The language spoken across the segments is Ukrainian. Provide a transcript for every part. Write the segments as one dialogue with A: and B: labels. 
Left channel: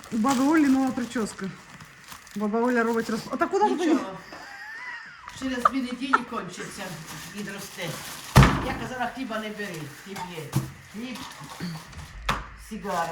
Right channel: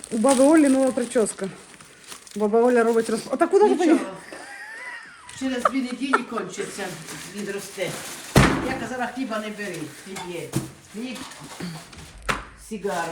A: У баби Олі нова прическа. Баба Оля робить розпаковку. А так куди ж
B: Нічого.
A: поїхати?
B: Через 2 неділі кончиться, відросте. Я казала, хліба не бери, хліб є. Хліб, сигара.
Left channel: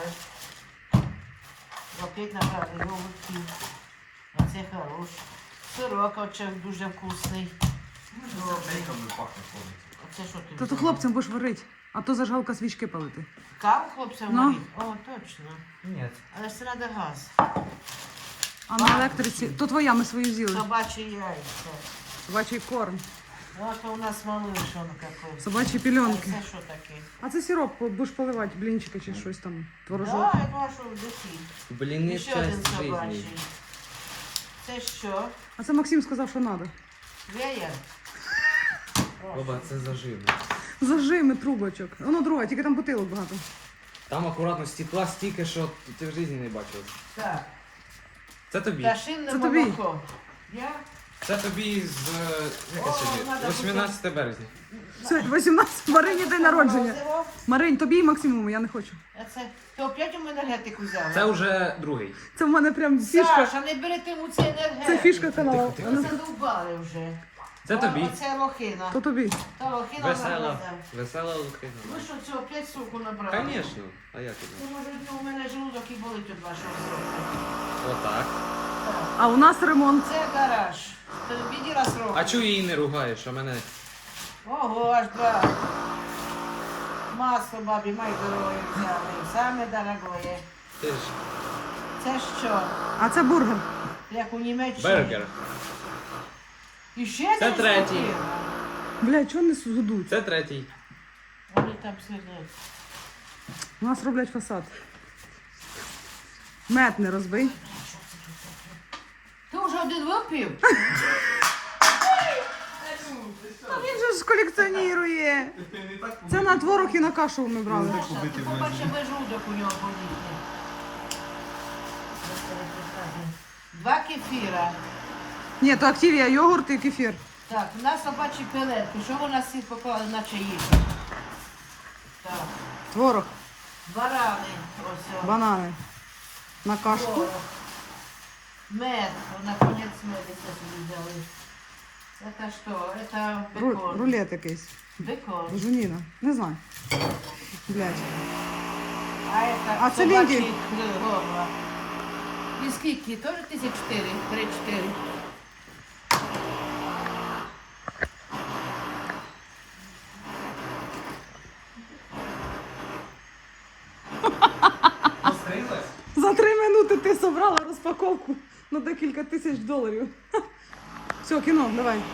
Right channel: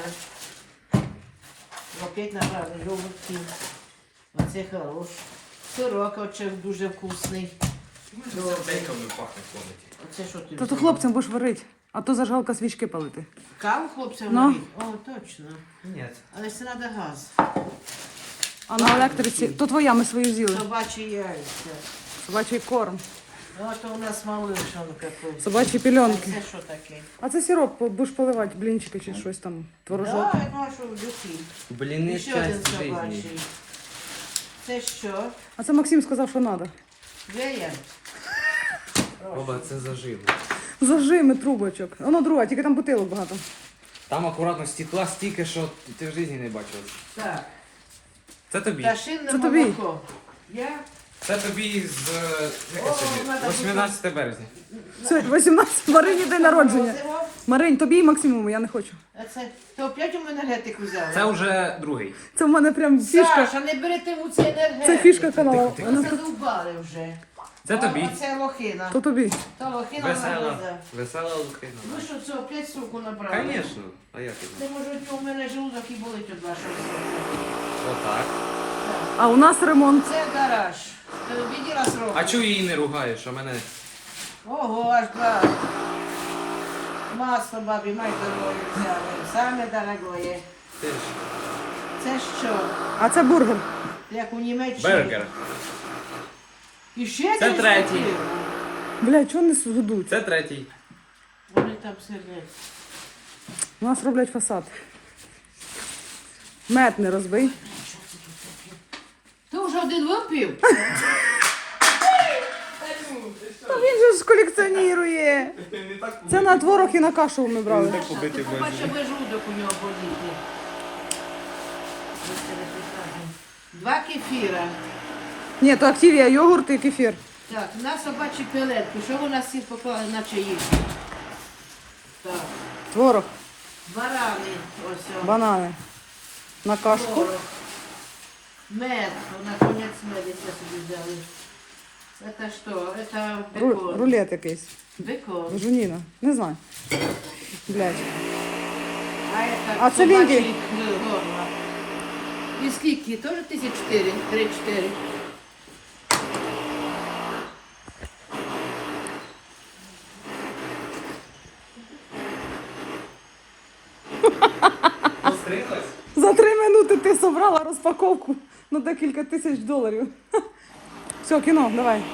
B: Опять набрали йогуртів. Оце хорош. Сирок оце дуже вкусний. Добрий.
C: Бейками пахне ходить.
B: Оце що ти
A: Та то
B: взяла?
A: хлопцям будеш варити, а то зажгалка свічки палити.
B: Каву хлопцям
A: Ну.
B: варить? О, точно.
C: Ні.
B: Але ж це треба газ.
A: А на електриці, то твоя, ми свою з'їли.
B: Собачі яйця.
A: Собачий корм,
B: Ну, а то у нас малишонка тут.
A: собачі пільонки.
B: Це що таке?
A: А це сироп, будеш поливати, блінчики чи щось там, творожок.
B: Так, я думаю, що в дитині.
C: Блін,
B: І ще один
C: часть
B: собачий.
C: житті.
B: Це що?
A: А це Максим сказав, що треба.
B: Веєр?
C: Оба, це заживо.
A: Зажими трубочок. Воно друга, тільки там бутилок багато.
C: Там акуратно стекла стільки, що ти в житті не бачив.
B: Так.
C: Це тобі.
B: Пташинне
A: Це тобі.
B: молоко. Я?
C: Це тобі з
B: О, надо
C: 18 березня.
A: Сьогодні 18, Марині день народження.
B: Морозиво.
A: Маринь, тобі і Максимуму, я не хочу.
B: А це... Ти опять у мене енергетику взяла?
C: Це вже другий.
A: Це в мене прям фішка.
B: Саша, не берете йому цей енергетик.
A: Це фішка каналу.
B: Ви задовбали вже.
C: Це тобі.
B: Оце лохина.
A: То тобі.
B: То лохина
C: Весела.
B: нагроза.
C: Весела лухина.
B: Ви що, це опять суку набрали?
C: Звісно. А як це?
B: Це може у мене желудок і болить від вашого.
C: Отак.
A: А у нас ремонт.
B: Це гараж. Ти виділа срок?
C: А чого її не ругаєш, що мене...
B: Ого, аж два. Масло бабі, май дорогою взяли. Саме дорогое.
C: Ти ж.
B: Це що?
A: А це бургер.
B: Як у Німеччині?
C: Бергер.
B: І ще
C: Це
B: один
C: третій.
B: купив?
A: Блядь, чого не згодують?
C: Це третій.
B: Вони там сидять.
A: У нас роблять фасад. Мед не розбий.
B: Ти вже один випив?
A: Та він же ж колекціонує. Це на творог і на кашу ми брали.
C: Побити
B: Побачив би жудок у нього боліти. 2 кефіра.
A: Ні, то активія, йогурт і кефір.
B: Так, на собачі пелетки. Що ви нас всі поклали, наче їх? Так.
A: Творог,
B: Барани. Ось. о.
A: банани. На кашку.
B: Творог. Мед. Ну, наконец мед я собі взяли. Это что? Это бекон.
A: Рулет якийсь.
B: Бекон.
A: Жуніна. Не знаю. Блядь.
B: А это
A: А це
B: собачий
A: вінки?
B: горна. І скільки? Тоже 1004? 3-4.
C: Пострілась?
A: За 3 минути ти собрала розпаковку на декілька тисяч доларів. Все, кіно, давай.